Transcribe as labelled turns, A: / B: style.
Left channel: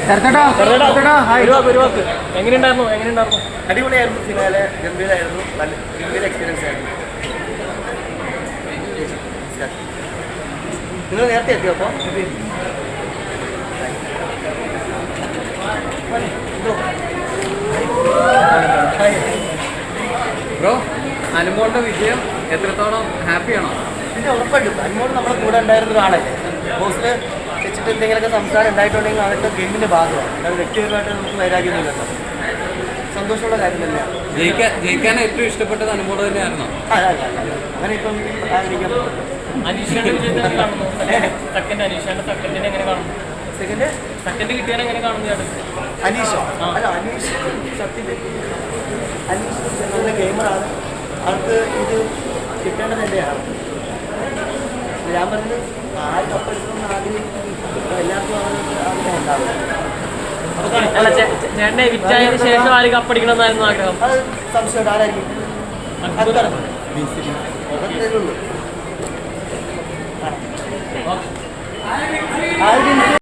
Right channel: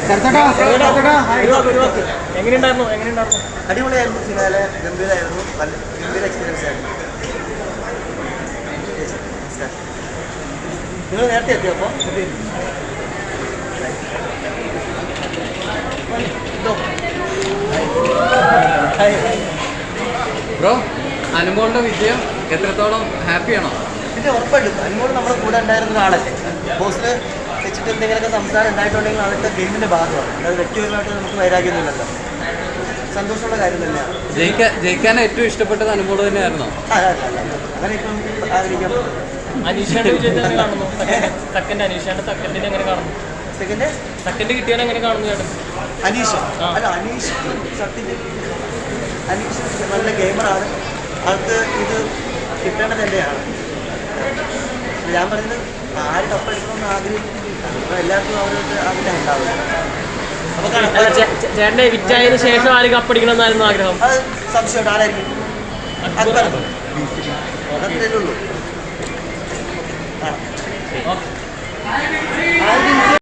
A: എങ്ങനെയുണ്ടായിരുന്നു? അടിപൊളിയായിരുന്നു. ഫിനാലെ ഗംഭീരമായിരുന്നു. നല്ല ഗംഭീര എക്സ്പീരിയൻസ് ആയിരുന്നു. നിങ്ങൾ നേരത്തെ എത്തിയോ? അപ്പോൾ
B: ബ്രോ, അനുമോളുടെ വിജയം എത്രത്തോളം ഹാപ്പിയാണോ?
A: പിന്നെ ഉറപ്പായിട്ടും അനുമോൾ നമ്മുടെ കൂടെ ഉണ്ടായിരുന്ന ഒരാളല്ലേ. ബോസിൽ വെച്ചിട്ട് എന്തെങ്കിലുമൊക്കെ സംസാരം ഉണ്ടായിട്ടുണ്ടെങ്കിൽ അതൊക്കെ ഗെയിമിൻ്റെ ഭാഗമാണ്. അല്ലാതെ വ്യക്തിപരമായിട്ട് നമുക്ക് വൈരാഗ്യമൊന്നുമില്ലല്ലോ. സന്തോഷമുള്ള കാര്യം തന്നെയാണ്.
B: ജയിക്കാൻ ഏറ്റവും ഇഷ്ടപ്പെട്ടത് അനുമോൾ തന്നെയായിരുന്നോ?
A: അല്ല അങ്ങനെ ഇപ്പം ആഗ്രഹിക്കാൻ പറ്റില്ല. അനീഷോ? അല്ല, അനീഷ് സത്യത്തിൽ അനീഷ് നല്ല ഗെയിമറാണ്. ആൾക്ക് ഇത് കിട്ടേണ്ടത് എൻ്റെയാണ്. ഞാൻ പറഞ്ഞത് ആര് കപ്പെടുക്കണമെന്ന് ആഗ്രഹിക്കുന്നില്ല. അപ്പോൾ എല്ലാവർക്കും അവരൊരു ആഗ്രഹം ഉണ്ടാവില്ല. അത് സംശയമുണ്ട്. ആരായിരിക്കും? അക്ബർ. അത്രയേ ഉള്ളൂ.